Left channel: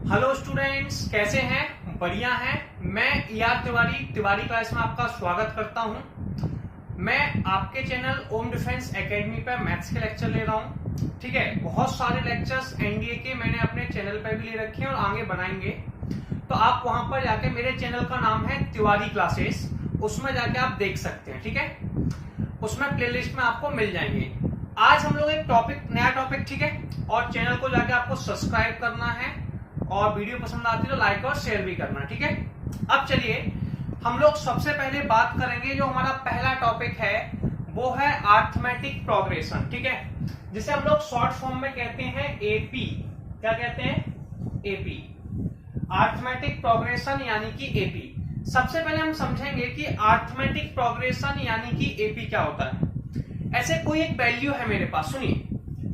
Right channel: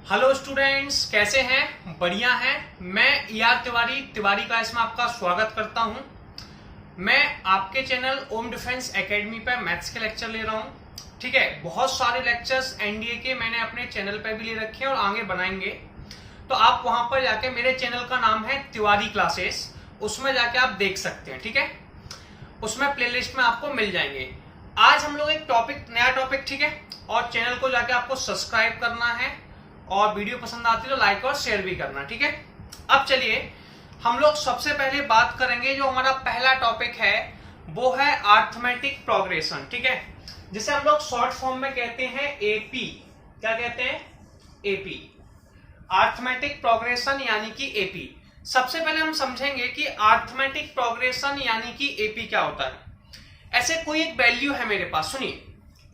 Hello students, कैसे हैं? बढ़िया हैं। मैं तिवारी क्लास में आपका स्वागत करता हूं। मैं आपके चैनल ओम डिफेंस एकेडमी पे मैथ्स के लेक्चर ले रहा हूं। ठीक है, बहुत सारे लेक्चर्स एनडीए के मैंने अपने चैनल पे भी ले रखे हैं और आगे बनाएंगे। तो आप वहां पर जाके, मेरे चैनल का नाम है तिवारी क्लासेस, उसमें जाके आप देख सकते हैं। ठीक है, उसमें प्लेलिस्ट में आपको मिल जाएंगे। आज हम लोग एक नया टॉपिक, ठीक है, और चैनल को जाके आपको सब्सक्राइब करना है और वीडियो पसंद आती है तो लाइक और शेयर भी करना। ठीक है, अब चलिए हम लोग सबसे पहले बात करेंगे। जो हमारा पहला टॉपिक है वो है अरिथमेटिक प्रोग्रेशन। ठीक है, जिसे हम लोग शॉर्ट फॉर्म में कहते हैं एपी। क्या कहते हैं? एपी, अरिथमेटिक प्रोग्रेशन यानी कि एपी। सबसे पहले हम समझेंगे कि अरिथमेटिक प्रोग्रेशन यानी कि एपी क्या होता है। ऐसे कोई एक वैल्यू है मेरे पास, सुनिए,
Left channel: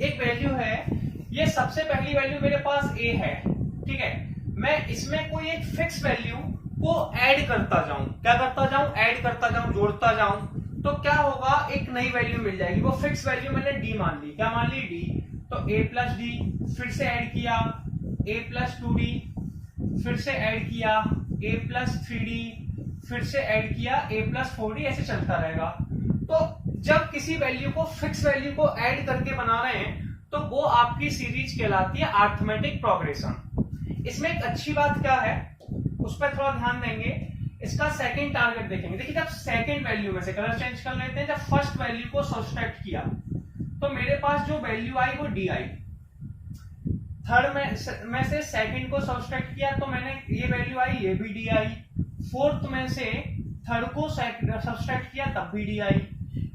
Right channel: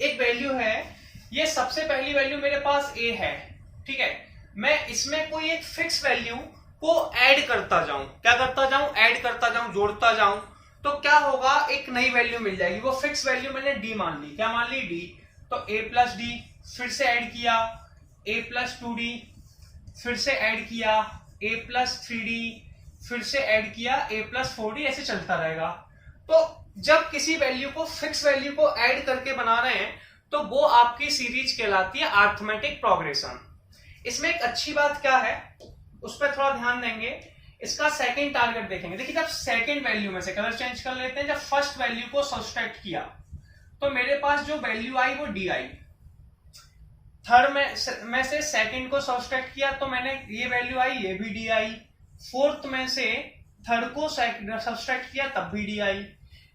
एक वैल्यू है, ये सबसे पहली वैल्यू मेरे पास ए है। ठीक है, मैं इसमें कोई एक फिक्स वैल्यू को ऐड करता जाऊं। क्या करता जाऊं? ऐड करता जाऊं, जोड़ता जाऊं, तो क्या होगा, एक नई वैल्यू मिल जाएगी। वो फिक्स वैल्यू मैंने डी मान ली। क्या मान ली? डी। तो ए प्लस डी, फिर से ऐड किया ए प्लस 2d, फिर से ऐड किया ए प्लस 3d, फिर से ऐड किया ए प्लस 4d, ऐसे चलता रहेगा। तो जब किसी वैल्यू को फिक्स वैल्यू को ऐड करके बना रहे हैं तो वो आपकी सीरीज कहलाती है अरिथमेटिक प्रोग्रेशन। इसमें एक अच्छी बात क्या है, उस पर थोड़ा ध्यान देंगे। इसका सेकंड टारगेट देखेंगे। देखिए, जब सेकंड वैल्यू में से, कलर चेंज कर लेते हैं, जब फर्स्ट वैल्यू को सब्सट्रैक्ट किया तो मेरे पास जो वैल्यू आई वो डी आई। थर्ड में से सेकंड को सब्सट्रैक्ट किया तो मैंने ये वैल्यू आई, ये भी डी आई। फोर्थ में से थर्ड को सब्सट्रैक्ट किया तब भी डी आई।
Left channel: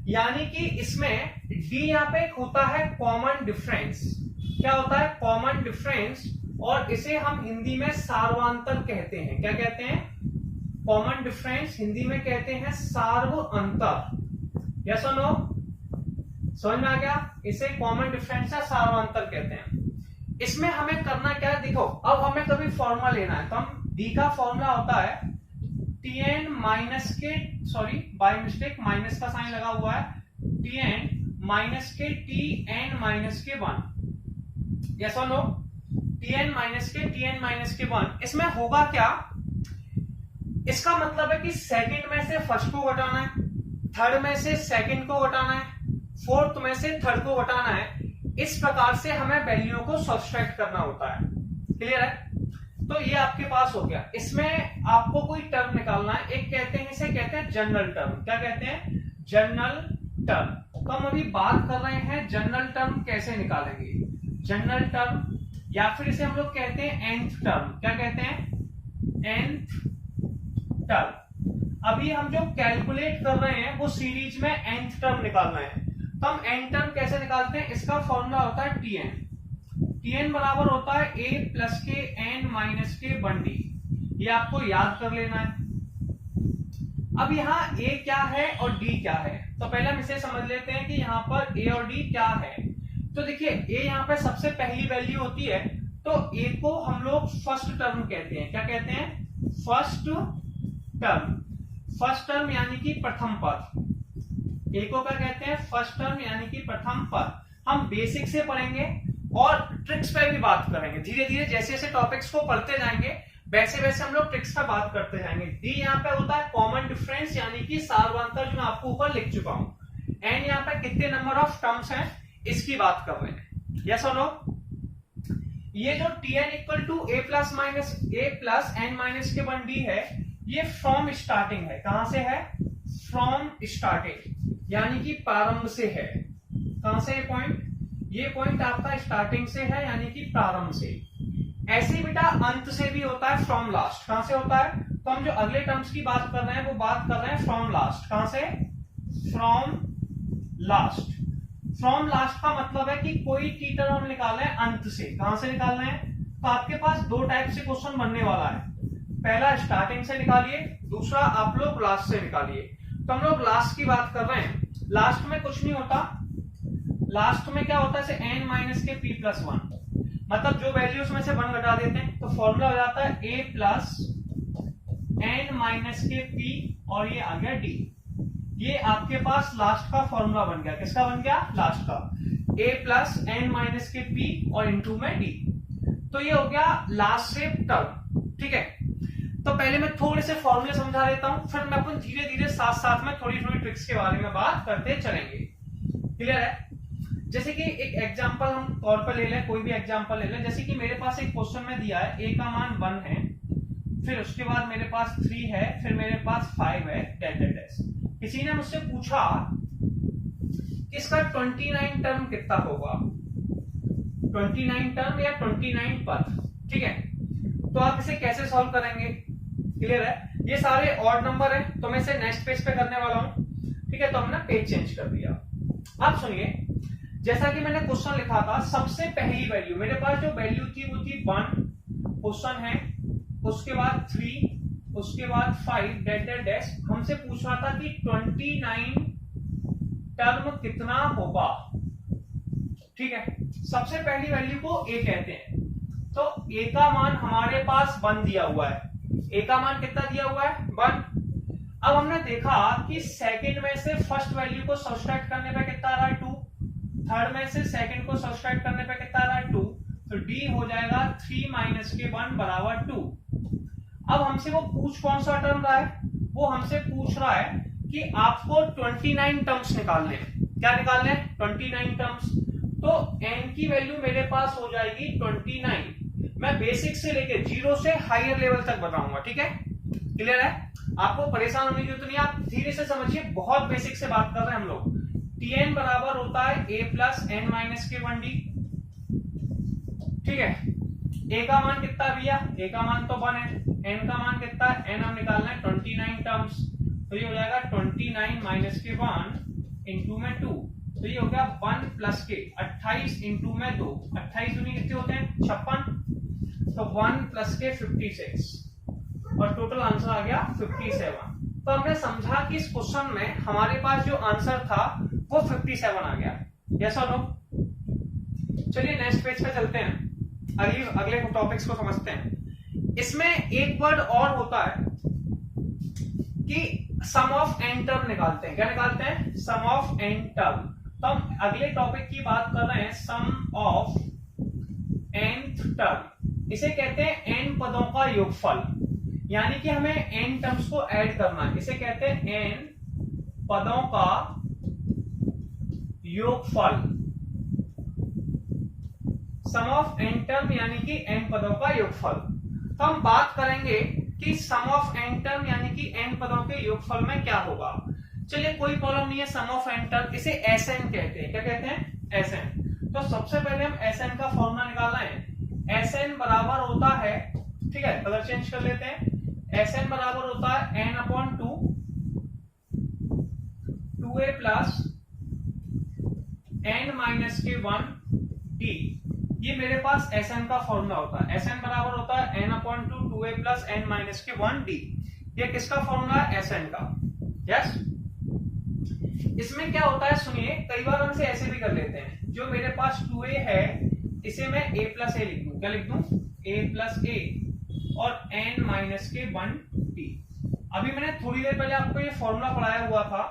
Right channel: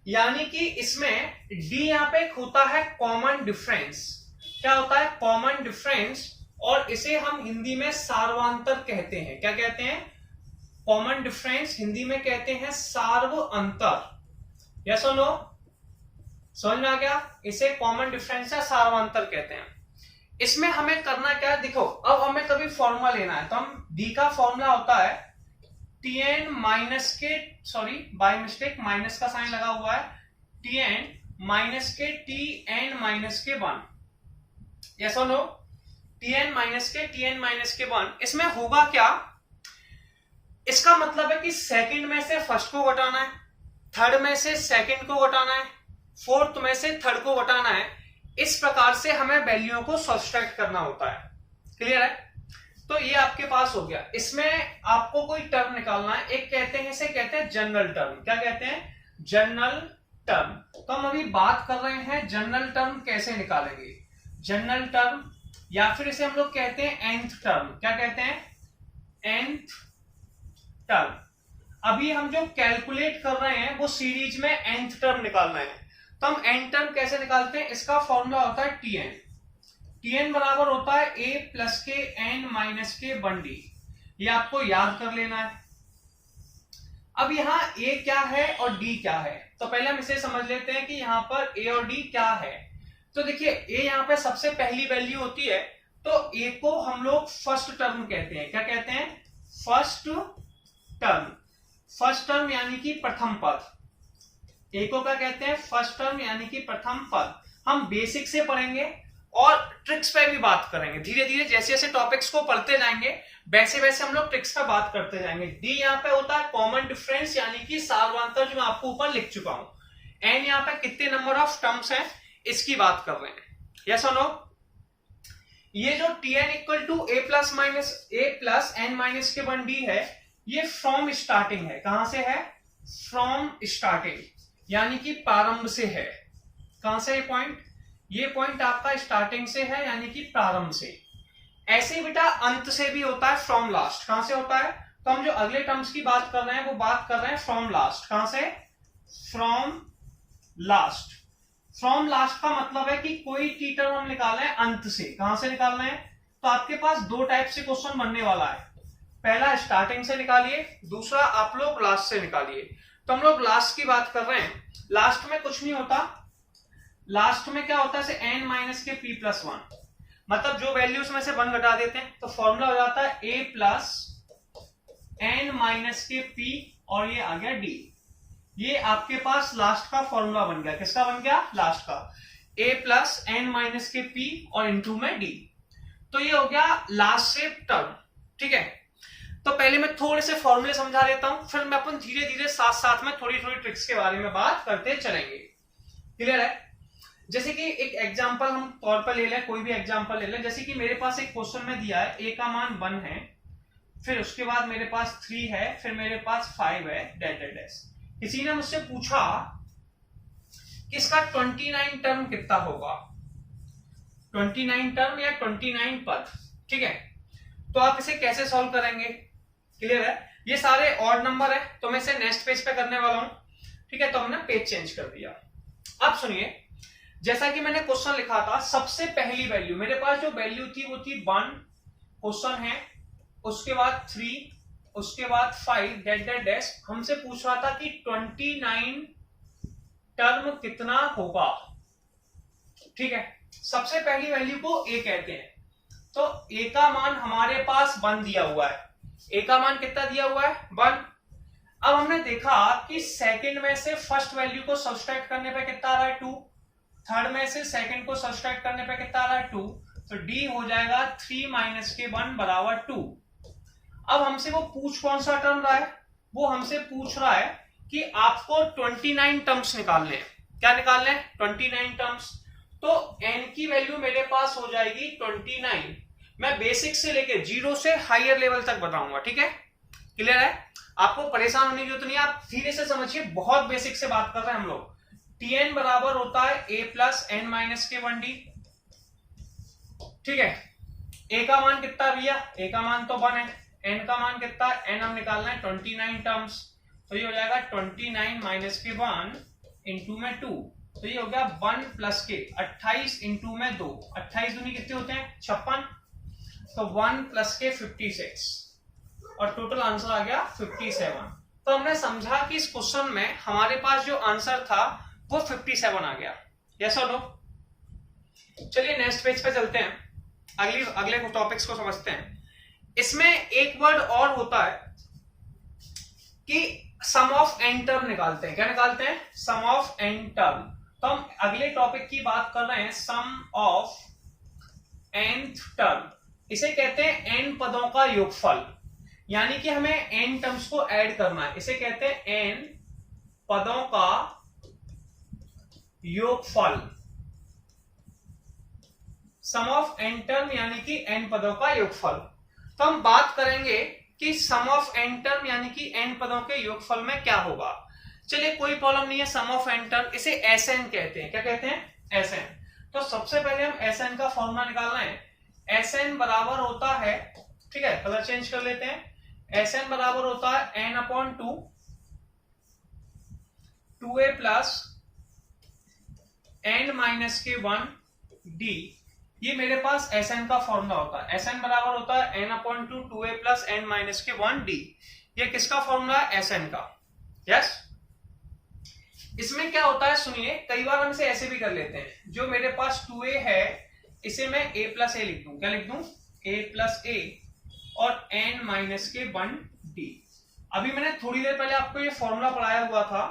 यानी कि इसमें डी यहाँ पे होता है कॉमन डिफरेंस। क्या होता है? Common difference. और इसे हम हिंदी में सार्वांतर कहते हैं। क्या कहते हैं? कॉमन डिफरेंस हिंदी में कहते हैं सार्व अंतर। यस और नो? समझ में आ गया? इसे कॉमन डिफरेंस या सार्वांतर कहते हैं। इसमें हमें करना क्या है, देखो, अब हमें कभी फॉर्मूला लेना है तो हम डी का फॉर्मूला होता है tn माइनस के, सॉरी बाय मिस्टेक माइनस का साइन लगा हुआ है, tn माइनस के tn माइनस के 1। यस और नो? tn माइनस के 1। इसमें होगा क्या, इसका मतलब है कि सेकंड में से फर्स्ट को घटाना है, थर्ड में से सेकंड को घटाना है, फोर्थ में से थर्ड को घटाना है। इस प्रकार से हमें वैल्यू को सब्सट्रैक्ट करना होता है। क्लियर है? तो ये आपके पास हो गया। इसमें आपको कोई टर्म निकालना है। एक कहते हैं, इसे कहते हैं जनरल टर्म। क्या कहते हैं? General term. तो हम अभी बात कर रहे हैं जनरल टर्म कैसे निकालेंगे। जनरल टर्म, या फिर इसे हम लोग कहते हैं nth टर्म। क्या कहते हैं? nth term. अभी हम जो कैलकुलेट कर रहे हैं वो सीरीज में nth टर्म निकालना है। तो हम nth टर्म कैसे निकालते हैं? इसका फॉर्मूला होता है tn। tn बराबर होता है a प्लस के n माइनस के 1d। ये आपको याद कर लेना है। अब यहाँ a क्या है और d क्या है, तो पहले हम इसे समझ लेते हैं कि यहाँ पर a और d क्या है। तो देखिए, a यहाँ पे सबसे पहली वैल्यू होती है, तो a को हम लोग फर्स्ट टर्म कहते हैं। क्या कहते हैं? First term. फर्स्ट टर्म यानी कि प्रथम पद। a को क्या कहते हैं? फर्स्ट टर्म यानी कि प्रथम पद। हम बेसिक से पढ़ेंगे और ट्रिक्स पे भी बात करेंगे। धीरे धीरे जैसे जैसे टॉपिक्स को पढ़ते जाएंगे वैसे वैसे हम लोग ट्रिक्स पे बात करते जाएंगे। डी यहाँ पे होता है कॉमन डिफरेंस यानी कि सार्वांतर, जो मैं आपको ऊपर लिख चुका हूं। एन यहाँ पे कितने नंबर ऑफ टर्म्स हैं इसकी बात कर रहे हैं। यस और नो? ये जो tn equal to a plus n minus के 1d है, ये फ्रॉम स्टार्टिंग है। कहां से है? फ्रॉम स्टार्टिंग, यानी कि प्रारंभ से है। कहां से? ये पॉइंट आपका स्टार्टिंग से है, यानी कि प्रारंभ से। ऐसे बेटा अंत से भी होता है, फ्रॉम लास्ट। कहां से होता है? तो हम जो अगले टर्म्स की बात कर रहे हैं वो बात कर रहे हैं फ्रॉम लास्ट। कहां से? From last. फ्रॉम लास्ट का मतलब है कि कोई टी टर्म हम निकाल रहे हैं अंत से। कहां से निकाल रहे हैं? तो आपके पास दो टाइप से क्वेश्चन बनने वाला है। पहला स्टार्टिंग से निकालिए, दूसरा आप लोग लास्ट से निकालिए। तो हम लोग लास्ट की बात कर रहे हैं। लास्ट में कुछ नहीं होता। लास्ट में क्या होता है? n माइनस के p प्लस 1, मतलब जो वैल्यूज में से 1 घटा देते हैं तो फॉर्मूला हो जाता है a प्लस n माइनस के p और ये आ गया d। ये आपके पास लास्ट का फॉर्मूला बन गया। किसका बन गया? लास्ट का। a प्लस n माइनस के p और इंटू में d। तो ये हो गया लास्ट शेप टर्म, ठीक है। तो पहले मैं थोड़े से फॉर्मूले समझा देता हूं, फिर मैं अपन धीरे धीरे साथ साथ में थोड़ी थोड़ी ट्रिक्स के बारे में बात करते चलेंगे। क्लियर है? जैसे कि एक एग्जांपल हम तौर पर ले लें, कोई भी एग्जांपल ले लें। जैसे कि मेरे पास एक क्वेश्चन में दिया है a का मान 1 है, फिर उसके बाद मेरे पास 3 है, फिर मेरे पास 5 है, डैश डैश डैश। किसी ने मुझसे पूछा कि इसका 29 टर्म कितना होगा, 29 टर्म या 29 पद, ठीक है। तो आप इसे कैसे सॉल्व करेंगे? क्लियर है? ये सारे ऑड नंबर है, तो मैं इसे नेक्स्ट पेज पे करने वाला हूं, ठीक है। तो हमने पेज चेंज कर दिया। अब सुनिए, जैसा कि मैंने क्वेश्चन लिखा था, सबसे पहली वैल्यू मेरे पास जो वैल्यू थी वो थी 1, क्वेश्चन है, उसके बाद 3, उसके बाद 5, डैश डैश डैश। हमसे पूछ रहा था कि 29 टर्म कितना होगा, ठीक है। सबसे पहली वैल्यू को a कहते हैं, तो a का मान हमारे पास 1 दिया हुआ है। a का मान कितना दिया हुआ है? 1। अब हमने देखा कि सेकंड में से फर्स्ट वैल्यू को सब्सट्रैक्ट करने पे कितना आ रहा है? 2। थर्ड में से सेकंड को सब्सट्रैक्ट करने पे कितना आ रहा है? 2। तो d हो जाएगा 3 माइनस के 1 बराबर 2। अब हमसे वो पूछ कौन सा टर्म रहा है? वो हमसे पूछ रहा है कि आपको 29 टर्म्स निकालने हैं। क्या निकालने हैं? 29 टर्म्स। तो n की वैल्यू मेरे पास हो जाएगी 29। मैं बेसिक से लेके 0 से हायर लेवल तक बताऊंगा, ठीक है। क्लियर है? आपको परेशान होने की जरूरत नहीं है, आप धीरे से समझिए, बहुत बेसिक से बात कर रहे हैं हम लोग। tn बराबर होता है a प्लस एन माइनस के 1d, ठीक है। a का मान कितना भैया? a का मान तो 1 है, n का मान कितना है? n हम निकालना है 29 टर्म्स, तो ये हो जाएगा 29 माइनस के 1 इंटू में 2, तो ये हो गया 1 प्लस के 28 इंटू में 2, 28 दूनी कितने होते हैं? 56, तो 1 प्लस के 56, और टोटल आंसर आ गया 57। तो हमने समझा कि इस क्वेश्चन में हमारे पास जो आंसर था वो 57 आ गया। यस और नो? चलिए नेक्स्ट पेज पे चलते हैं, अगले टॉपिक्स को समझते हैं। इसमें एक वर्ड और होता है कि सम ऑफ एन टर्म निकालते हैं। क्या निकालते हैं? सम ऑफ एन टर्म। तो हम अगले टॉपिक की बात कर रहे हैं, सम ऑफ nth टर्म। इसे कहते हैं n पदों का योगफल, यानी कि हमें n टर्म्स को ऐड करना है। इसे कहते हैं n पदों का योगफल, सम ऑफ n टर्म यानी कि n पदों का योगफल। तो हम बात करेंगे कि सम ऑफ n टर्म यानी कि n पदों के योगफल में क्या होगा। चलिए कोई प्रॉब्लम नहीं है, सम ऑफ n टर्म, इसे Sn कहते हैं। क्या कहते हैं? Sn। तो सबसे पहले हम Sn का फॉर्मूला निकालना है। Sn बराबर होता है, ठीक है, कलर चेंज कर लेते हैं। Sn बराबर होता है n upon 2a plus n minus के 1 d। ये मेरे पास Sn का फॉर्मूला होता है। Sn बराबर होता है n upon 2a plus n minus के 1 d। ये किसका फॉर्मूला है? Sn का। यस। इसमें क्या होता है सुनिए, कई बार हम इसे ऐसे भी कर लेते हैं। जो मेरे पास 2a है इसे मैं a प्लस ए लिख दूं। क्या लिख दूं? a प्लस ए और n माइनस के 1 d। अभी मैंने थोड़ी देर पहले आपको ये फॉर्मूला पढ़ाया हुआ था,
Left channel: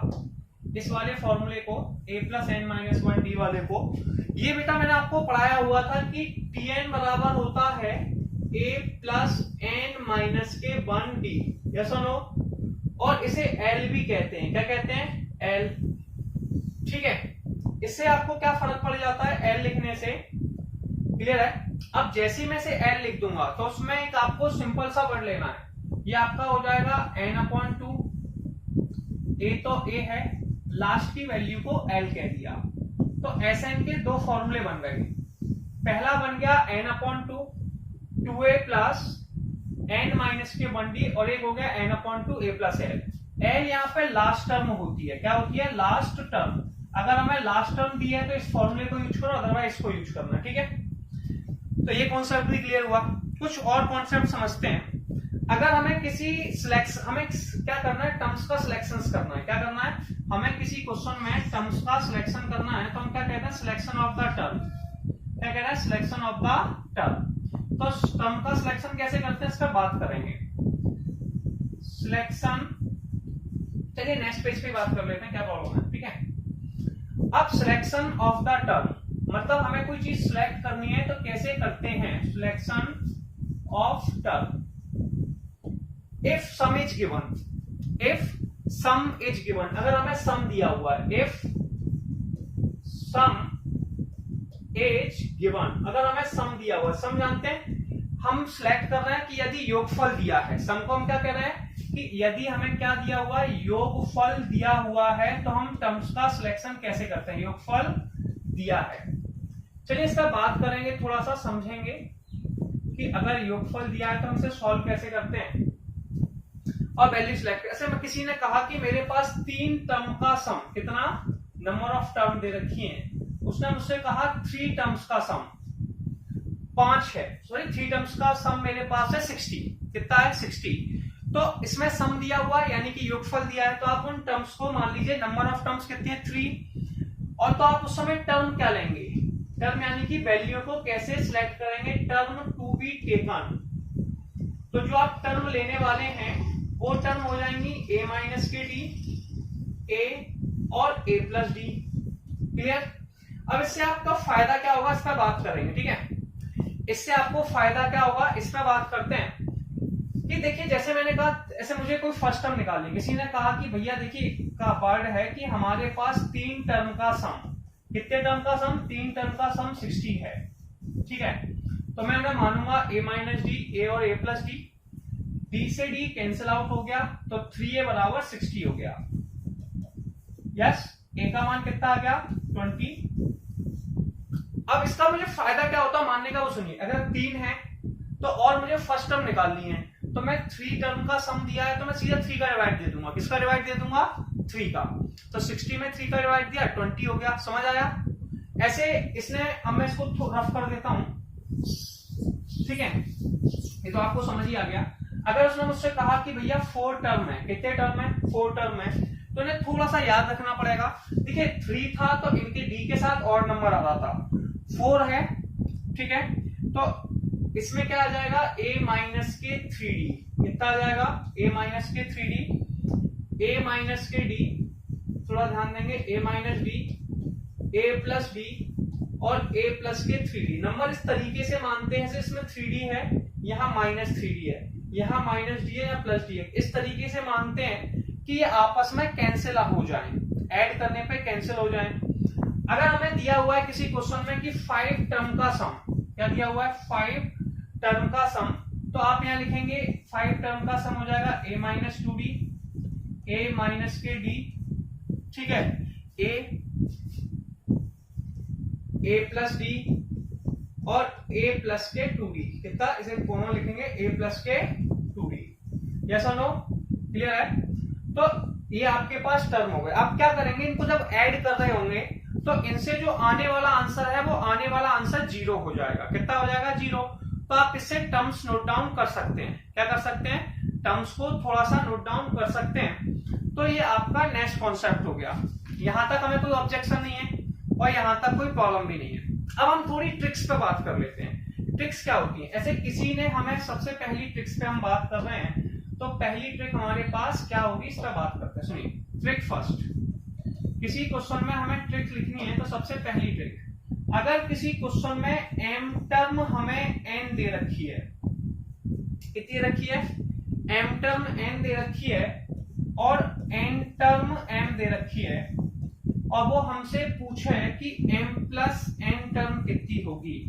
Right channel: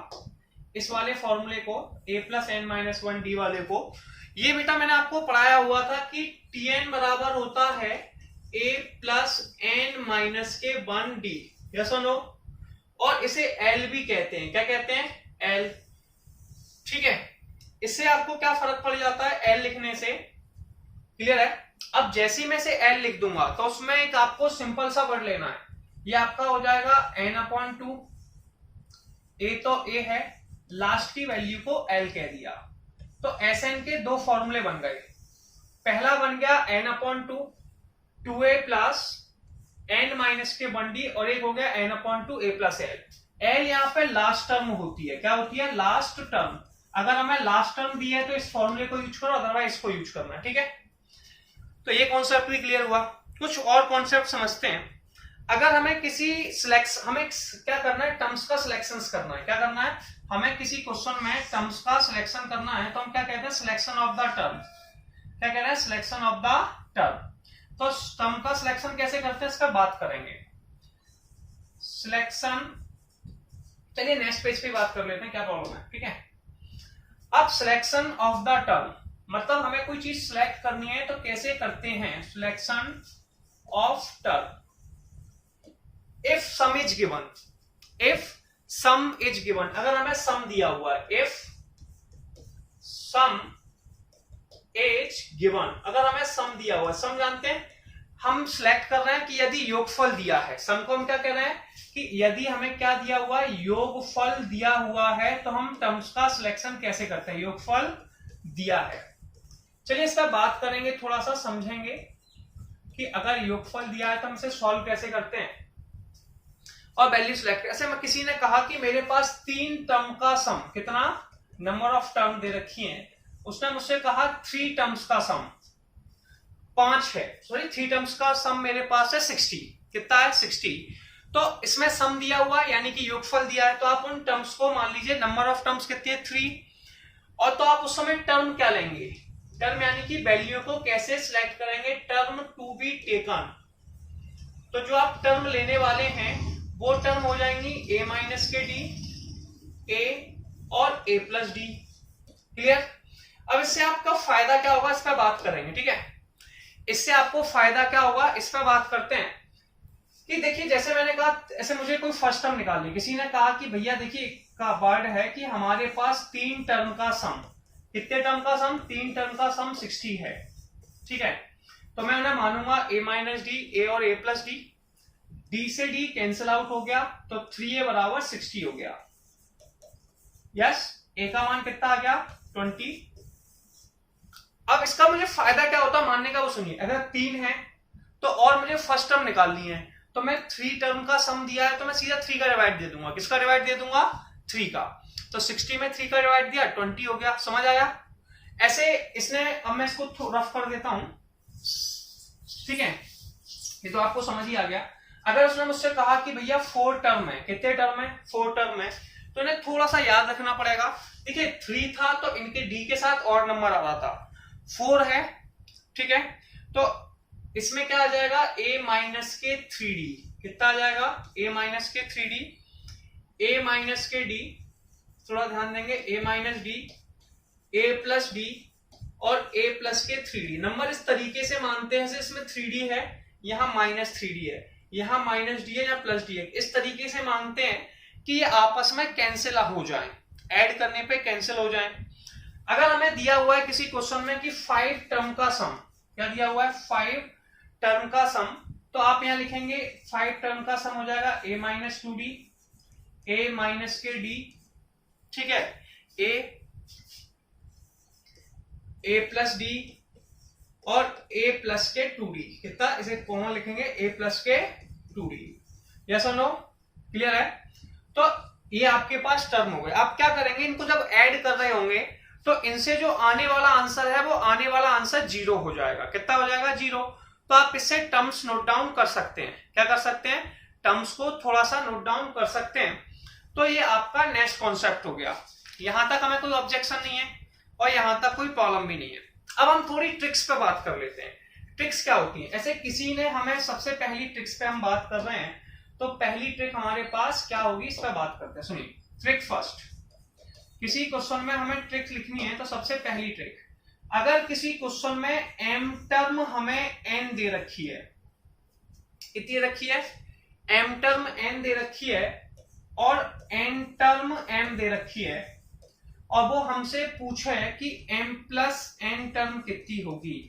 इस वाले फॉर्मूले को, a plus n minus 1 D वाले को। ये बेटा मैंने आपको पढ़ाया हुआ था कि tn बराबर होता है a प्लस एन माइनस के 1 डी। यस और नो? और इसे L भी कहते हैं। क्या कहते हैं? L, ठीक है। इससे आपको क्या फर्क पड़ जाता है L लिखने से? क्लियर है? अब जैसे मैं से L लिख दूंगा तो उसमें एक आपको सिंपल सा वर्ड लेना है। ये आपका हो जाएगा n अपॉन 2, a तो a है, लास्ट की वैल्यू को L कह दिया। तो Sn के दो फॉर्मूले बन गए। पहला बन गया n upon 2a plus n minus के 1d, और एक हो गया n upon 2a plus l। l यहाँ पे लास्ट टर्म होती है। क्या होती है? Last term. अगर हमें लास्ट टर्म दी है तो इस फॉर्मूले को यूज करो, अदरवाइज इसको यूज करना है, ठीक है। तो ये कॉन्सेप्ट भी क्लियर हुआ। कुछ और कॉन्सेप्ट समझते हैं। अगर हमें किसी हमें क्या करना है? टर्म्स का सिलेक्शन करना है। क्या करना है? हमें किसी क्वेश्चन में टर्म्स का सिलेक्शन करना है, तो हम क्या कहते हैं? Selection of the term. क्या कह रहा है? Selection of the term. तो टर्म का सिलेक्शन कैसे करते हैं इस पर बात करेंगे। सिलेक्शन, चलिए नेक्स्ट पेज पे बात कर लेते हैं, क्या प्रॉब्लम है, ठीक है। अब सिलेक्शन ऑफ द टर्म मतलब हमें कोई चीज सिलेक्ट करनी है तो कैसे करते हैं, selection of term. If some is given, if some is given, अगर हमें सम दिया हुआ है, इफ सम इज गिवन, अगर हमें सम दिया हुआ है, सम जानते हैं, हम सिलेक्ट कर रहे हैं कि यदि योगफल दिया है, सम को हम क्या कह रहे हैं कि यदि हमें क्या दिया हुआ है, योगफल दिया हुआ है, तो हम टर्म्स का सिलेक्शन कैसे करते हैं, योगफल दिया है। चलिए इस पर बात करेंगे, थोड़ा सा समझेंगे कि अगर योगफल दिया है तो हम इसे सॉल्व कैसे करते हैं और वैल्यू सिलेक्ट। ऐसे में किसी ने कहा कि मेरे पास 3 टर्म का सम, कितना नंबर ऑफ टर्म दे रखी है, उसने मुझसे कहा 3 टर्म्स का सम 5 है, सॉरी 3 टर्म्स का सम मेरे पास है 60, कितना है 60। तो इसमें सम दिया हुआ है यानी कि योगफल दिया है, तो आप उन टर्म्स को मान लीजिए, नंबर ऑफ टर्म्स कितनी है 3, और तो आप उस समय टर्म क्या लेंगे, टर्म यानी कि वैल्यू को कैसे सिलेक्ट करेंगे, टर्म टू बी टेकन। तो जो आप टर्म लेने वाले हैं वो टर्म हो जाएंगी a माइनस के डी, a और a प्लस डी। क्लियर। अब इससे आपका फायदा क्या होगा, इस पर बात करेंगे, ठीक है। इससे आपको फायदा क्या होगा, इस पर बात करते हैं कि देखिए, जैसे मैंने कहा, ऐसे मुझे कोई फर्स्ट टर्म निकालनी, किसी ने कहा कि भैया देखिए का वर्ड है कि हमारे पास 3 टर्म का सम, कितने टर्म का सम, 3 टर्म का सम 60 है, ठीक है। तो मैं ना मानूंगा a माइनस डी, a और a प्लस डी, d से d कैंसिल आउट हो गया, तो 3a बराबर 60 हो गया। यस, a का मान कितना आ गया 20। अब इसका मुझे फायदा क्या होता है मानने का, वो सुनिए। अगर 3 है तो और मुझे फर्स्ट टर्म निकालनी है, तो मैं 3 टर्म का सम दिया है तो मैं सीधा 3 का डिवाइड दे दूंगा, किसका डिवाइड दे दूंगा 3 का। तो 60 में 3 का डिवाइड दिया 20 हो गया, समझ आया। ऐसे इसने, अब मैं इसको रफ कर देता हूं, ठीक है, ये तो आपको समझ ही आ गया। अगर उसने मुझसे कहा कि भैया 4 टर्म है, कितने टर्म है 4 टर्म है, तो इन्हें थोड़ा सा याद रखना पड़ेगा। देखिए 3 था तो इनके डी के साथ और नंबर आ रहा था, 4 है, ठीक है। तो इसमें क्या आ जाएगा, a माइनस के 3d, कितना आ जाएगा a माइनस के 3d, a माइनस के d, थोड़ा ध्यान देंगे, a minus D, a plus D और a प्लस के 3d। नंबर इस तरीके से मानते हैं, इसमें 3d है, यहाँ माइनस 3d है, यहाँ माइनस डी है, यहाँ प्लस डी है, इस तरीके से मानते हैं कि ये आपस में कैंसिल हो जाएं, ऐड करने पे कैंसिल हो जाएं। अगर हमें दिया हुआ है किसी क्वेश्चन में कि 5 टर्म का सम, क्या दिया हुआ है 5 टर्म का सम, तो आप यहां लिखेंगे 5 टर्म का सम हो जाएगा a minus 2d, a minus के d, ठीक है, a प्लस डी और a प्लस के 2d, कितना, इसे कॉमन लिखेंगे a प्लस के 2d। यस और नो, क्लियर है। तो ये आपके पास टर्म हो गए। आप क्या करेंगे, इनको जब ऐड कर रहे होंगे तो इनसे जो आने वाला आंसर है वो आने वाला आंसर 0 हो जाएगा, कितना हो जाएगा 0। तो आप इससे टर्म्स नोट डाउन कर सकते हैं, क्या कर सकते हैं, टर्म्स को थोड़ा सा नोट डाउन कर सकते हैं। तो ये आपका नेक्स्ट कॉन्सेप्ट हो गया, यहां तक हमें कोई ऑब्जेक्शन नहीं है और यहां तक कोई प्रॉब्लम भी नहीं है। अब हम थोड़ी ट्रिक्स पे बात कर लेते हैं। ट्रिक्स क्या होती है, ऐसे किसी ने हमें, सबसे पहली ट्रिक्स पे हम बात कर रहे हैं, तो पहली ट्रिक हमारे पास क्या होगी, इस पर बात करते हैं। सुनिए, ट्रिक फर्स्ट, किसी क्वेश्चन में हमें ट्रिक लिखनी है तो सबसे पहली ट्रिक, अगर किसी क्वेश्चन में m टर्म हमें n दे रखी है, कितनी रखी है, m टर्म n दे रखी है और n टर्म m दे रखी है, और वो हमसे पूछे कि m प्लस n टर्म कितनी होगी,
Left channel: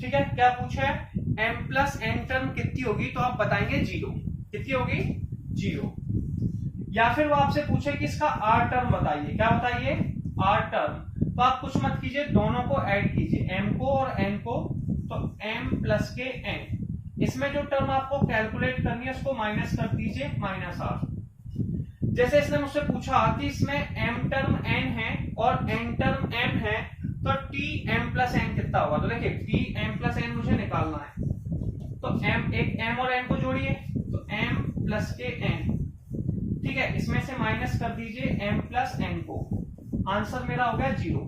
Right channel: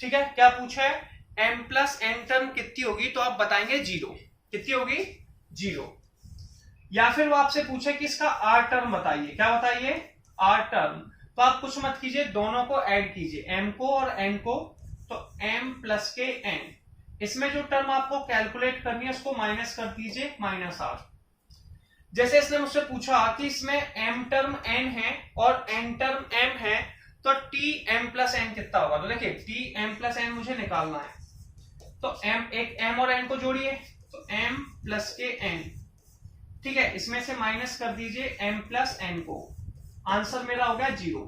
ठीक है, क्या पूछा है, m प्लस n टर्म कितनी होगी, तो आप बताएंगे 0, कितनी होगी 0। या फिर वो आपसे पूछे कि इसका r टर्म बताइए, क्या बताइए r टर्म, तो आप कुछ मत कीजिए, दोनों को ऐड कीजिए, m को और n को, तो m प्लस के n, इसमें जो टर्म आपको कैलकुलेट करनी है उसको माइनस कर दीजिए, माइनस r। जैसे इसने मुझसे पूछा कि इसमें m टर्म n है और n टर्म m है, तो t m प्लस n कितना होगा, तो देखिए t m प्लस n मुझे निकालना है, तो m, एक m और n को जोड़िए, तो m प्लस के n, ठीक है, इसमें से माइनस कर दीजिए m प्लस n को, आंसर मेरा हो गया 0,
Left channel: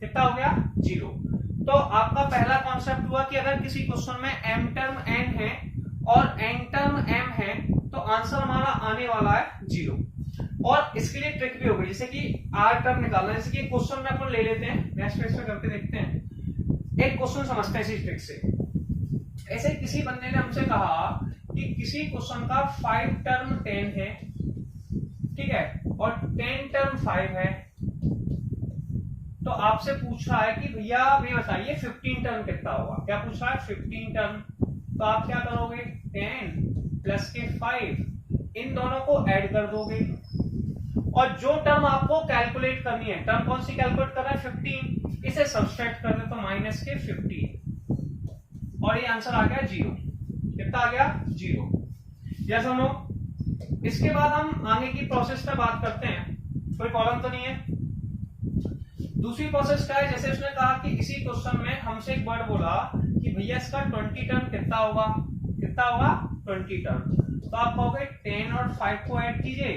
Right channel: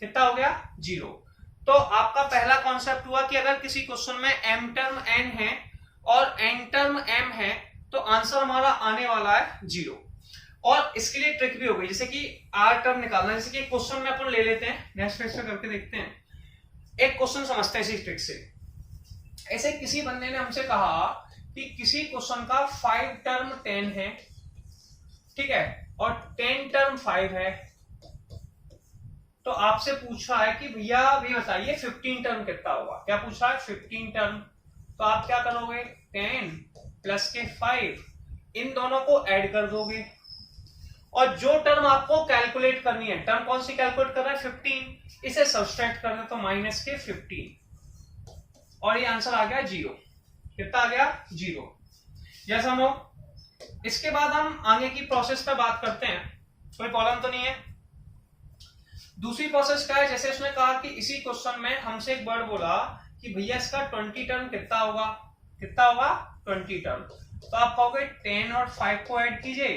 कितना हो गया 0। तो आपका पहला कॉन्सेप्ट हुआ कि अगर किसी क्वेश्चन में m टर्म n है और n टर्म m है, तो आंसर हमारा आने वाला है 0। और इसके लिए ट्रिक भी हो गई, जैसे कि आर टर्म निकालना, जैसे कि क्वेश्चन में अपन ले लेते हैं, नेक्स्ट पेज पे करके देखते हैं। एक क्वेश्चन समझते हैं इसी ट्रिक से। ऐसे किसी बंदे ने हमसे कहा कि किसी क्वेश्चन का 5 टर्म 10 है, ठीक है, और 10 टर्म 5 है, तो आपसे पूछ रहा है कि भैया ये बताइए 15 टर्म कितना होगा। क्या पूछ रहा है? 15 टर्म। तो आप क्या करोगे? 10 प्लस के 5, इन दोनों को ऐड कर दोगे, और जो टर्म आपको कैलकुलेट करनी है, टर्म कौन सी कैलकुलेट कर रहा है? 15, इसे सब्सट्रैक्ट कर दे तो माइनस के 15, और ये आंसर आ गया 0। कितना आ गया? 0। यस और नो? इसके बाद हम आगे की प्रोसेस पे बात करते हैं, कोई प्रॉब्लम तो नहीं है। दूसरी प्रोसेस क्या है? जैसे उसने कहा कि इसी क्वेश्चन में हमसे एक वर्ड बोला कि भैया इसका 20 टर्म कितना होगा? कितना होगा? 20 टर्म। तो आप कहोगे 10 और 5 को ऐड कीजिए,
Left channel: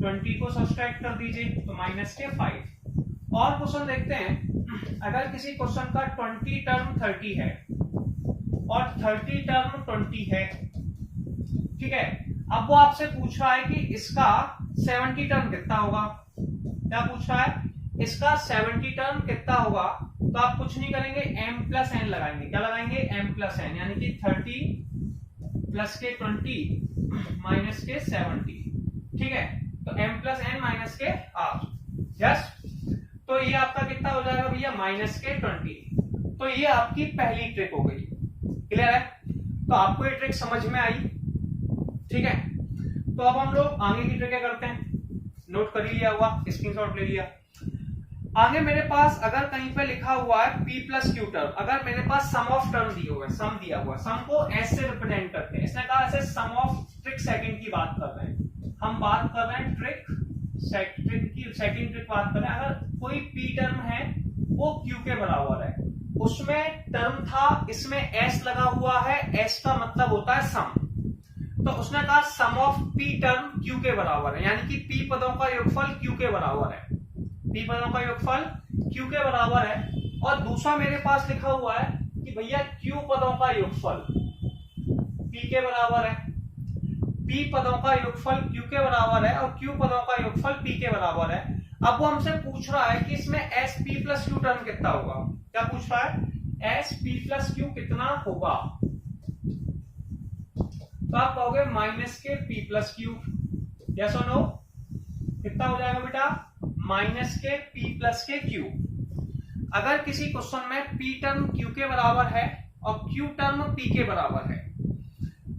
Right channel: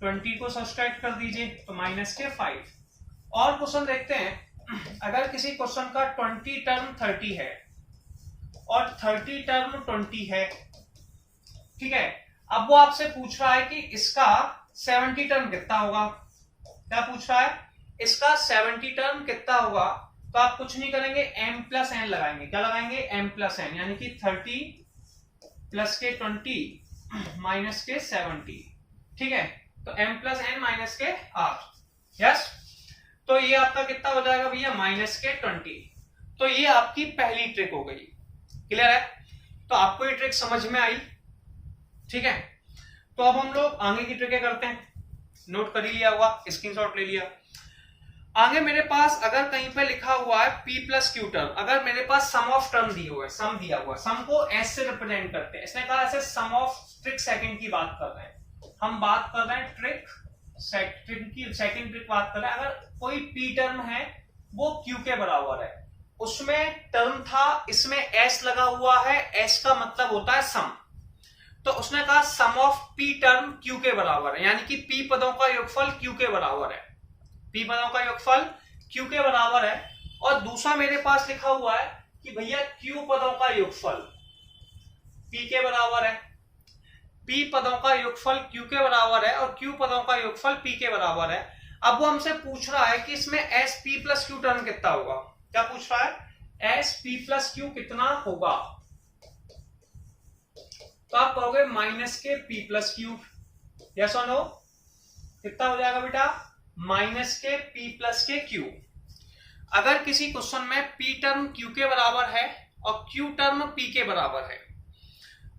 20 को सब्सट्रैक्ट कर दीजिए, तो माइनस के 5। और क्वेश्चन देखते हैं, अगर किसी क्वेश्चन का 20 टर्म 30 है और 30 टर्म 20 है, ठीक है, अब वो आपसे पूछ रहा है कि इसका 70 टर्म कितना होगा। क्या पूछ रहा है? इसका 70 टर्म कितना होगा। तो आप कुछ नहीं करेंगे, m प्लस n लगाएंगे। क्या लगाएंगे? m प्लस n, यानी कि 30 प्लस के 20 माइनस के 70, ठीक है, तो m प्लस n माइनस के r। यस, तो ये आपका कितना हो जाएगा भैया? माइनस के 20। तो ये आपकी पहली ट्रिक हो गई। क्लियर है? तो आपको ये ट्रिक समझ में आई, ठीक है। तो अब हम लोग आगे की ट्रिक करते हैं। नोट कर ही लिया होगा, स्क्रीनशॉट ले लिया। आगे मेरे पास अगर कहीं पे लिखा हुआ है p प्लस क्यू टर्म, अगर मेरे पास सम ऑफ टर्म दिए हुए, सम दिया हुआ, सम को s से रिप्रेजेंट करते हैं। इसने कहा ऐसे सम ऑफ ट्रिक सेकंड की बात कर रहे हैं, हम बात कर रहे हैं ट्रिक की सेकंड ट्रिक बात कर रहे हैं। अगर कोई p टर्म है वो q के बराबर है, उसमें टर्म था, इसमें s लगा हुआ है, s का मतलब होता है सम, तो उसने कहा सम ऑफ p टर्म q के बराबर है, यानी कि p पदों का योगफल q के बराबर है। p पदों का योगफल q के बराबर है। और दूसरा मेरे पास लिखा हुआ है कि भैया q पदों का योगफल p के बराबर है। p पदों का योगफल q के बराबर है और q पदों का योगफल p के बराबर है। अब वो हमसे पूछ रहा है कि इसमें s p plus q term कितना होगा। क्या पूछ रहा है? s p प्लस q कितना होगा। तो आप कहोगे माइनस के p प्लस q। यस और नो? कितना हो जाएगा बेटा? माइनस के p प्लस के q। अगर किसी क्वेश्चन में p टर्म q के बराबर है और q टर्म p के बराबर है,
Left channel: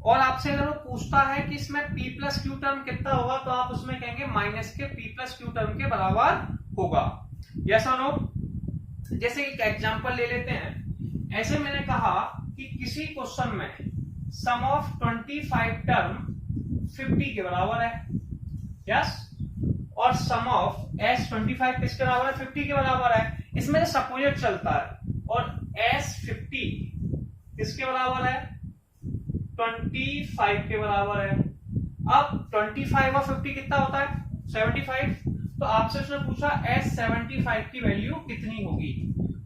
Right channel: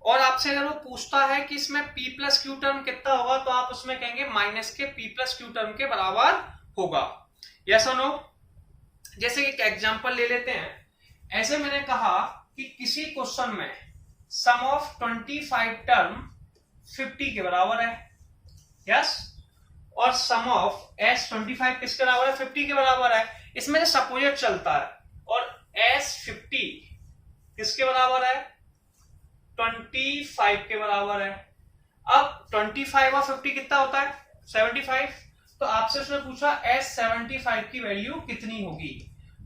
और आपसे अगर वो पूछता है कि इसमें p प्लस क्यू टर्म कितना होगा, तो आप उसमें कहेंगे माइनस के p प्लस क्यू टर्म के बराबर होगा। यस और नो? जैसे एक एग्जांपल ले लेते हैं। ऐसे मैंने कहा कि किसी क्वेश्चन में सम ऑफ 25 टर्म 50 के बराबर है। यस, और सम ऑफ s 25 किसके बराबर है? 50 के बराबर है। इसमें जो सपोजिट चलता है, और s 50 किसके बराबर है? 25 के बराबर है। अब 25 और 50 कितना होता है? 75। तो आपसे उसने पूछा s 75 की वैल्यू कितनी होगी,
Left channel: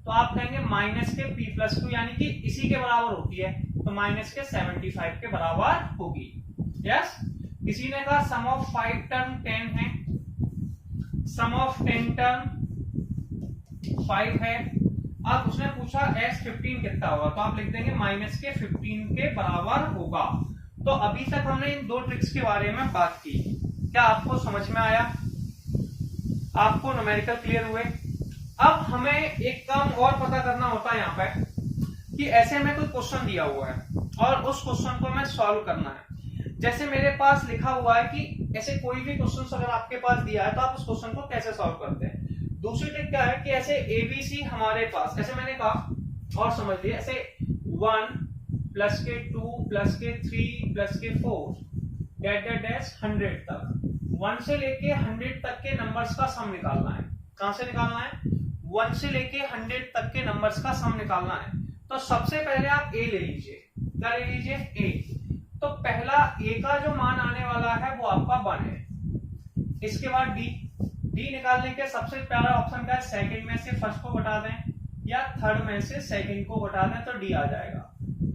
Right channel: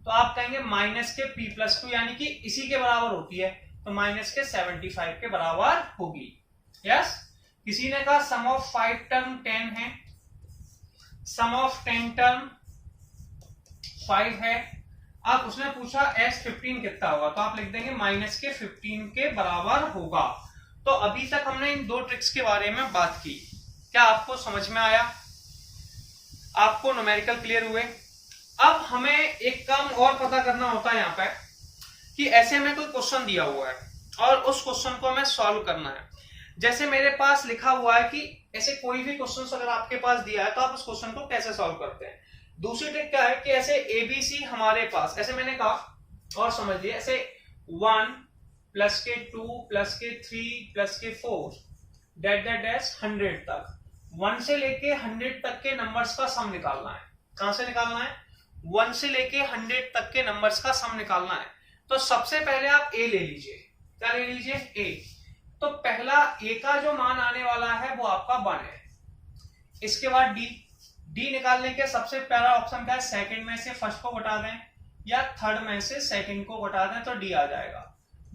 तो आप कहेंगे माइनस के p प्लस क्यू, यानी कि इसी के बराबर होती है, तो माइनस के 75 के बराबर होगी। यस, किसी ने कहा सम ऑफ 5 टर्म 10 है, सम ऑफ 10 टर्म 5 है। अब उसने पूछा s 15 कितना होगा, तो आप लिख देंगे माइनस के 15 के बराबर होगा। तो अभी तक हमने इन दो ट्रिक्स के बारे में बात की। क्या आपको समझ में आया? आपको न्यूमेरिकल क्लियर हुए? अब हमें एक काम और पता करना होता है यहाँ पे कि ऐसे में कोई क्वेश्चन दिया हुआ है और उस क्वेश्चन को हमें सॉल्व करना है। जैसे मेरे पास लिखा हुआ है कि ऐसे कोई भी क्वेश्चन अगर आपके पास दिया है तो आप उस क्वेश्चन को कैसे सॉल्व करते हैं। दूसरी ट्रिक क्या है कि ऐसे ABC हमारे पास, ऐसे मैंने कहा और समझ लिया, ऐसे 1 प्लस के 2 प्लस के 3 प्लस के 4 डैश 100 तक, 1 से लेके 100 तक के नंबर्स का सम निकालना है। कहां से निकालना है? 1 से लेके 100 तक के नंबर्स का सम निकालना है। तो सबसे पहले आप A ले लीजिए। क्या ले लीजिए? A। तो पहला A का जो मान आने वाला है वो आपका 1 है। इसके बाद D निकालने के सबसे पहला ऑप्शन क्या है? सेकंड में से फर्स्ट को घटा दें या थर्ड में से सेकंड को घटा दें तो D आ जाएगा।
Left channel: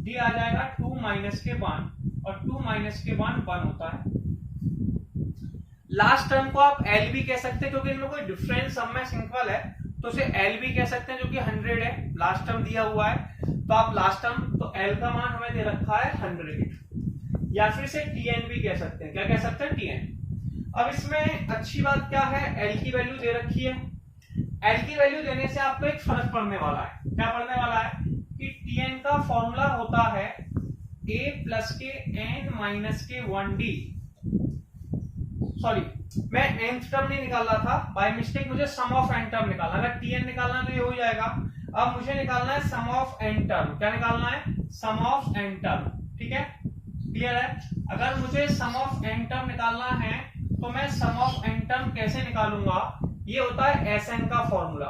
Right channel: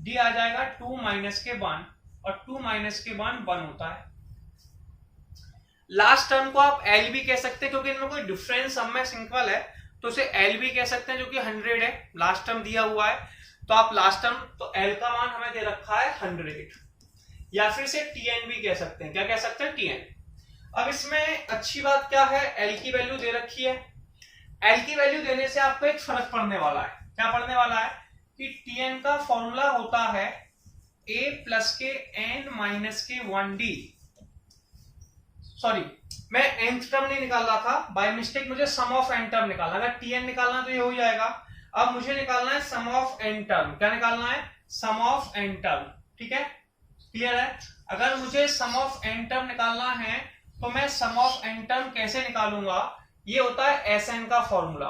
D आ जाएगा 2 माइनस के 1, और 2 माइनस के 1 1 होता है। लास्ट टर्म को आप एल भी कह सकते हैं क्योंकि इनमें कोई डिफरेंस सब में सिंपल है, तो उसे एल भी कह सकते हैं जो कि 100 है, लास्ट टर्म दिया हुआ है। तो आप लास्ट टर्म, तो एल का मान हमें दे रखा है 100, या फिर इसे टीएन भी कह सकते हैं। क्या कह सकते हैं? टीएन। अब इसमें अच्छी बात क्या है, एल की वैल्यू दे रखी है। एल की वैल्यू देने से आपको एक फर्क पड़ने वाला है। क्या पड़ने वाला है कि टीएन का फॉर्मूला होता है a प्लस के n माइनस के 1d। सॉरी, मैं nth टर्म नहीं निकाल रहा था, बाय मिस्टेक मुझे सम ऑफ n टर्म निकालना। अगर tn निकालना तो ये हो जाएगा। अब मुझे निकालना है सम ऑफ n टर्म। क्या निकालना है? सम ऑफ n टर्म। ठीक है, क्लियर है? अगर मुझे सम ऑफ n टर्म निकालना है तो मैं सम ऑफ n टर्म कैसे निकालूंगा? ये होता है Sn का फॉर्मूला,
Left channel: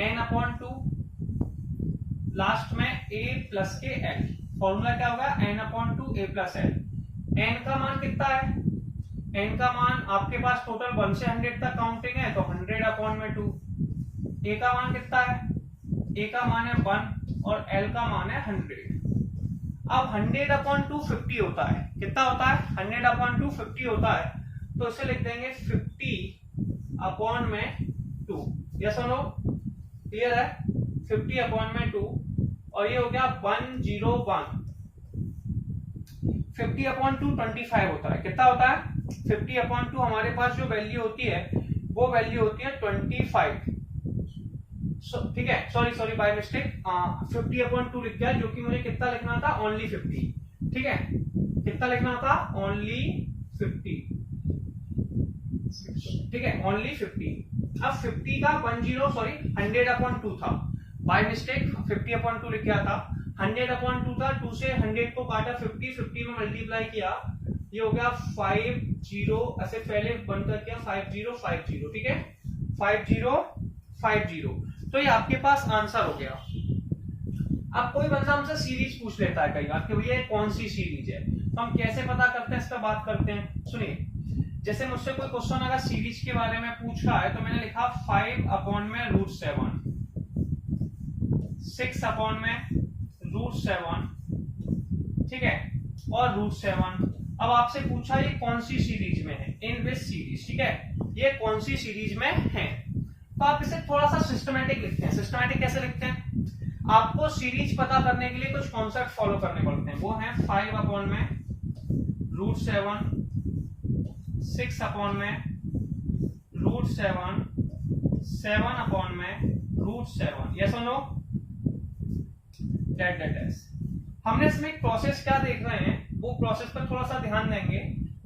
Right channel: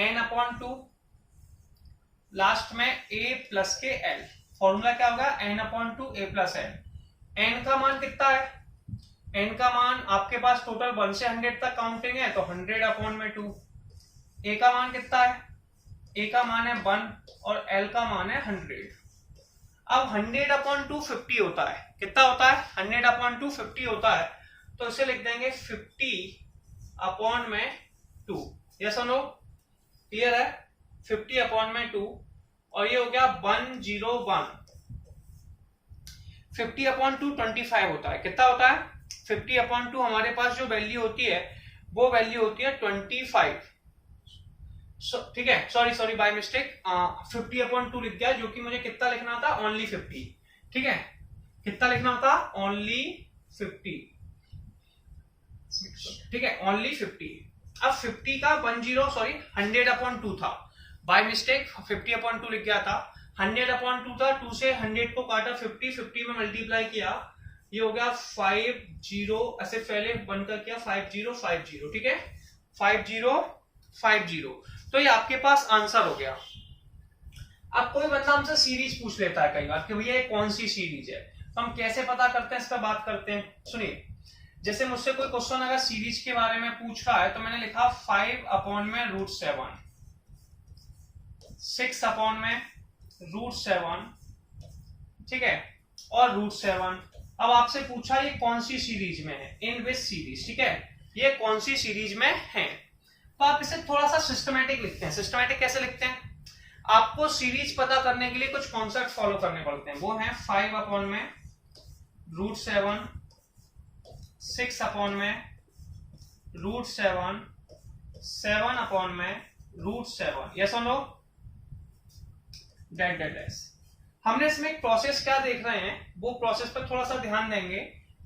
n/2 लास्ट में a प्लस के l। फॉर्मूला क्या होगा? n/2 a plus l। n का मान कितना है? n का मान आपके पास टोटल 1 से 100 तक काउंटिंग है, तो 100/2। a का मान कितना है? a का मान है 1 और l का मान है 100। अब 100/2 50 होता है। कितना होता है? 100/2 50 होता है, तो उसे लिख देंगे 50/2। यस और नो? क्लियर है? 50/2 और ये हो गया 101। 50/2 25 होता है। कितना होता है? 50/2 हमारे पास जो वैल्यू होती है वो वैल्यू होती है 25। ठीक है, सॉरी बाय मिस्टेक 50/2 लिख दिया, जो कि मुझे कितना लिखना था? ओनली 50। ठीक है, कितना लिखना था? ओनली 50। ठीक है, ओनली 50। अब 50 का 100/2 था, बाय मिस्टेक 50/2 लिख गया था। 100/2 था, 2 से 100 को काटा, 50 में मल्टीप्लाई किया, ये हो गया 50। ऐसे पहले बनकर किया 5050। ठीक है, 5050। तो ये आपके पास आंसर हो गया। अब कोई बंदा हमसे सीरीज पूछ लेता है कई बार कि भैया ये कौन सी सीरीज है, तो हम कैसे पता करते हैं, इस पर बात करते हैं। सुनिए, जैसे मुझसे कोई क्वेश्चन अगर सीरीज के बारे में पूछ रहा है तो मैंने लिखा 5/√7, 6/√7, ठीक है, और √7। अब आपसे पूछा ये कौन सी सीरीज में है, इन विच सीरीज। ठीक है, ये कौन सी सीरीज में है, तो आप इसे थोड़ा सा सिस्टमैटिक लिखते हैं। सिस्टमैटिक कैसे लिखते हैं? आपको सीरीज पता करने के लिए कुछ कॉन्सेप्ट फॉलो करने पड़ते हैं। वो है 5/√7, 6/√7, 7/√7। यस और नो? डेट। हमने इसमें एक प्रोसेस क्या देख रहे हैं, वो प्रोसेस पर थोड़ा सा ध्यान देंगे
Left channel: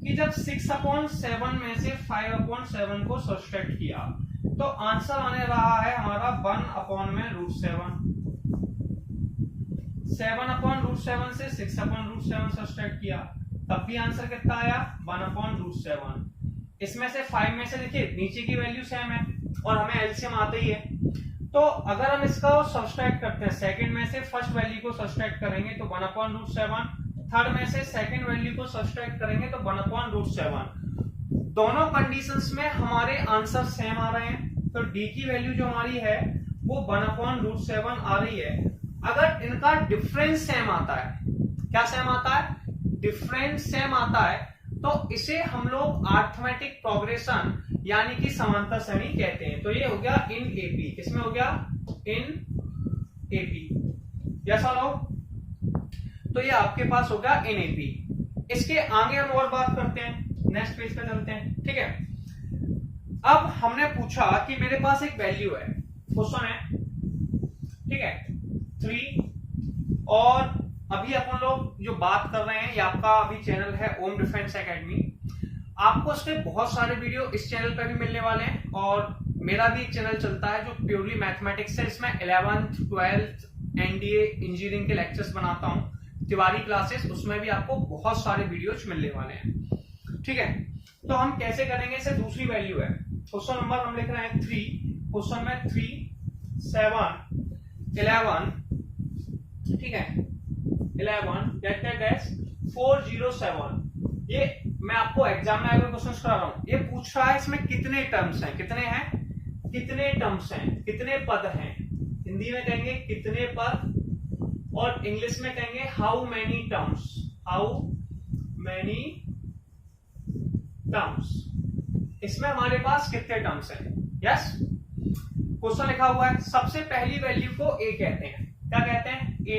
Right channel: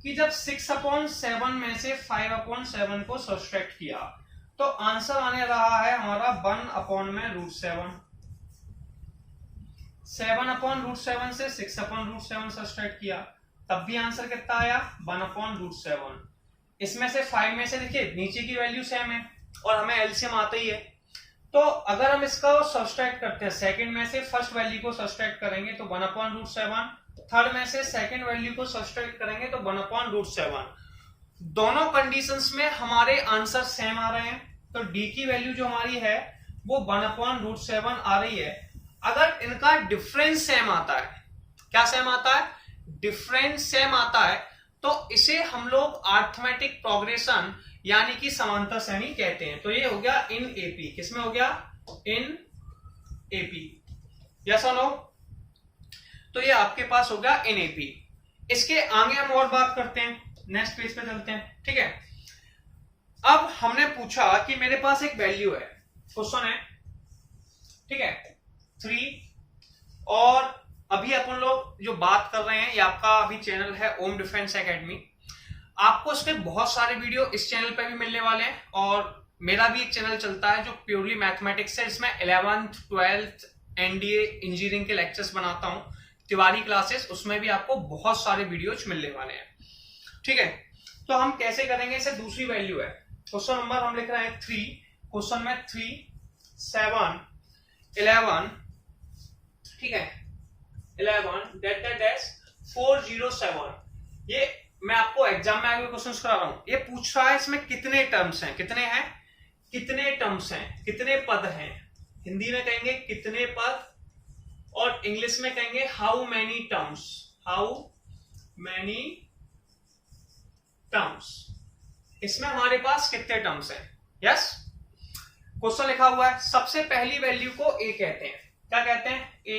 कि जब 6/7 में से 5/7 को सब्सट्रैक्ट किया तो आंसर आने रहा है हमारा 1/√7। 7/√7 से 6/√7 सब्सट्रैक्ट किया, तब भी आंसर कितना आया? 1/√7। इसमें से 5 में से देखिए नीचे की वैल्यू सेम है और हमें एलसीएम आता ही है, तो अगर हम इसका सब्सट्रैक्ट करते हैं, सेकंड में से फर्स्ट वैल्यू को सब्सट्रैक्ट करेंगे तो 1/√7, थर्ड में से सेकंड वैल्यू को सब्सट्रैक्ट करेंगे तो 1/√7। दोनों कंडीशंस में हमारे आंसर सेम आ रहे हैं, तो डी की वैल्यू जो हमारी है वो 1/√7 आ रही है। अगर इनका डिफरेंस सेम आता है, क्या सेम आता है? डिफरेंस सेम आता है, तो इसे हम लोग अरिथमेटिक प्रोग्रेशन यानी कि समांतर श्रेणी कहते हैं। तो ये हो गया इन एपी। किसमें हो गया? In AP. यस और नो? तो ये आपके पास हो गया इन एपी। इसके आगे हम और बात करते हैं, नेक्स्ट पेज पे चलते हैं। ठीक है, अब हमने पूछा कि मेरे पास एक वैल्यू है, क्वेश्चन है, ठीक है, 3, और अभी अपन लोग जो बात कर रहे हैं ये आपका अभी चैनल है ओम डिफेंस एकेडमी। आपको इसके बहुत सारे वीडियो इस चैनल पे भी मिलने वाले हैं, और मेरा भी एक चैनल चलता है जो प्योरली मैथमेटिक्स है। इसमें 11th 12th एनडीए इंजीनियरिंग के लेक्चर्स बनाता हूँ, तिवारी क्लासेस, उसमें भी आपको बहुत सारे वीडियोज मिलने वाले हैं। ठीक है, तो हम कैसे करेंगे? इसे दूसरी वैल्यू है, क्वेश्चन नंबर हम लिख रहे हैं 3, क्वेश्चन में 3, 7, 11, ठीक है, 11 407। ये मैं आपको एग्जाम में आगे क्वेश्चंस करा रहा हूं। ये पूछ रहा है इसमें कितने टर्म्स हैं, कितने हैं, कितने टर्म्स हैं, कितने पद हैं। हिंदी में कहेंगे कितने पद, और इंग्लिश में कहेंगे how many terms, how many terms. इसमें हमारे पास कितने टर्म्स हैं? यस, क्वेश्चन लिखा हुआ है, सबसे पहली वैल्यू को a कहते हैं। क्या कहते हैं? a।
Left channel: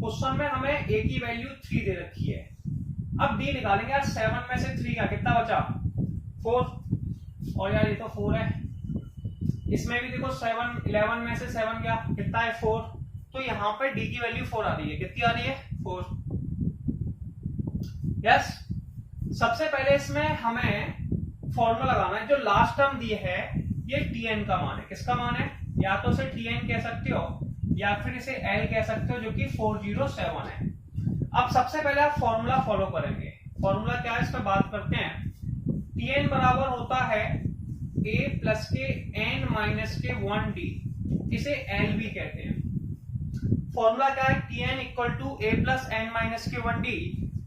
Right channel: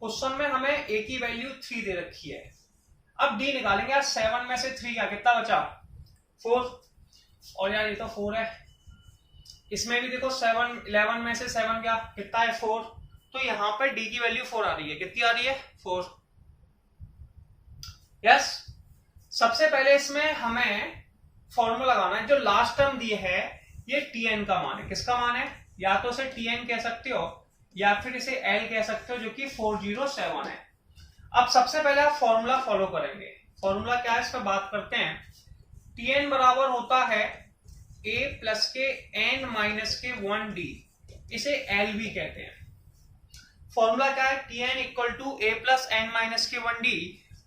क्वेश्चन में हमें a की वैल्यू 3 दे रखी है। अब d निकालेंगे यार, 7 में से 3 का कितना बचा? 4। और यार ये तो 4 है। इसमें भी देखो 7, 11 में से 7 क्या कितना है? 4। तो यहाँ पर d की वैल्यू 4 आ रही है। कितनी आ रही है? 4। यस, सबसे पहले इसमें हमें फॉर्मूला लगाना है। जो लास्ट टर्म दी है ये tn का मान है। किसका मान है? या तो इसे tn कह सकते हो या फिर इसे l कह सकते हो, जो कि 407 है। अब सबसे पहले आप फॉर्मूला फॉलो करेंगे। फॉर्मूला क्या है इस पर बात करते हैं। tn बराबर होता है a प्लस के n माइनस के 1d, इसे l भी कहते हैं। फॉर्मूला क्या है? tn equal to a plus n minus के 1d,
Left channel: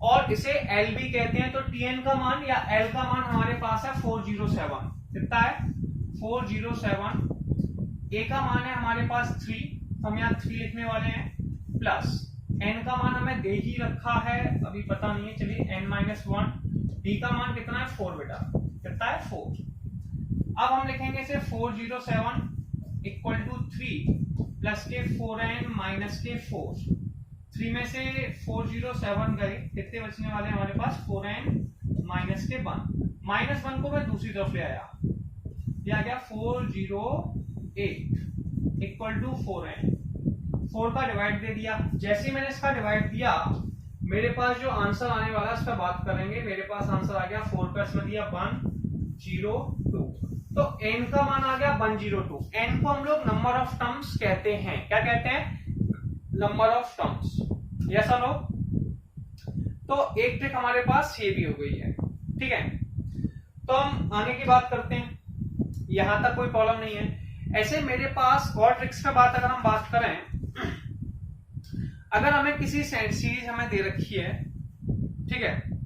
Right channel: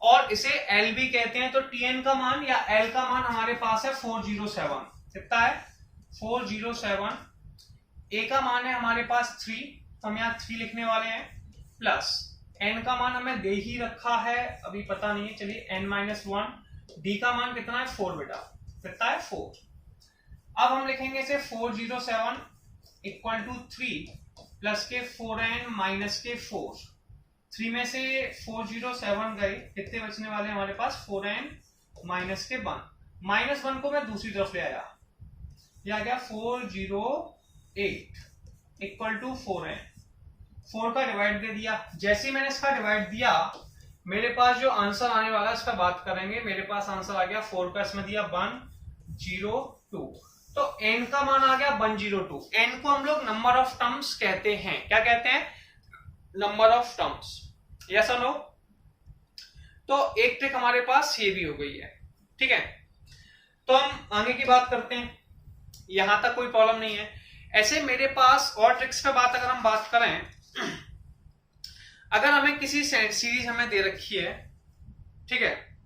और इसे l भी कहते हैं। तो tn का मान या l का मान हमारे पास है 407। कितना है? 407। a का मान है हमारे पास 3, हम यहाँ 3 लिखने वाले हैं, प्लस n का मान हमें दे ही रखा है, अभी पता नहीं है, चलिए n माइनस 1। d का मान कितना है? 4 बेटा। कितना है? 4। अब हम लिखेंगे इसे 407 इक्वल टू 3 प्लस के 4n माइनस के 4। 3 में से 407 गए, कितने बचने वाले हमारे पास? 4n माइनस के 1। माइनस 1 को मैं दूसरी तरफ ले आया, ये आ गया 408 इक्वल टू 4n। 4 का डिवाइड दे दिया। जैसे ही मैंने इसका डिवाइड दिया, मेरे पास जो आंसर आने वाला है इस पर बात करेंगे। मेरे पास आंसर आ गया 4 का इसमें दिया 102। तो n का मान आ गया 102। n को हम लोग नंबर ऑफ टर्म्स कहते हैं। क्या कहते हैं? Number of terms. यस और नो? तो एक ट्रिक हमारे पास ये भी हो गई है। ठीक है, तो हम आगे की बात करते हैं। यहां तक कोई प्रॉब्लम नहीं है। ऐसे मेरे पास और ट्रिक्स पे बात अगर हम बात करें, अगर हमें किसी सीरीज हमें दे रखी है, ठीक है,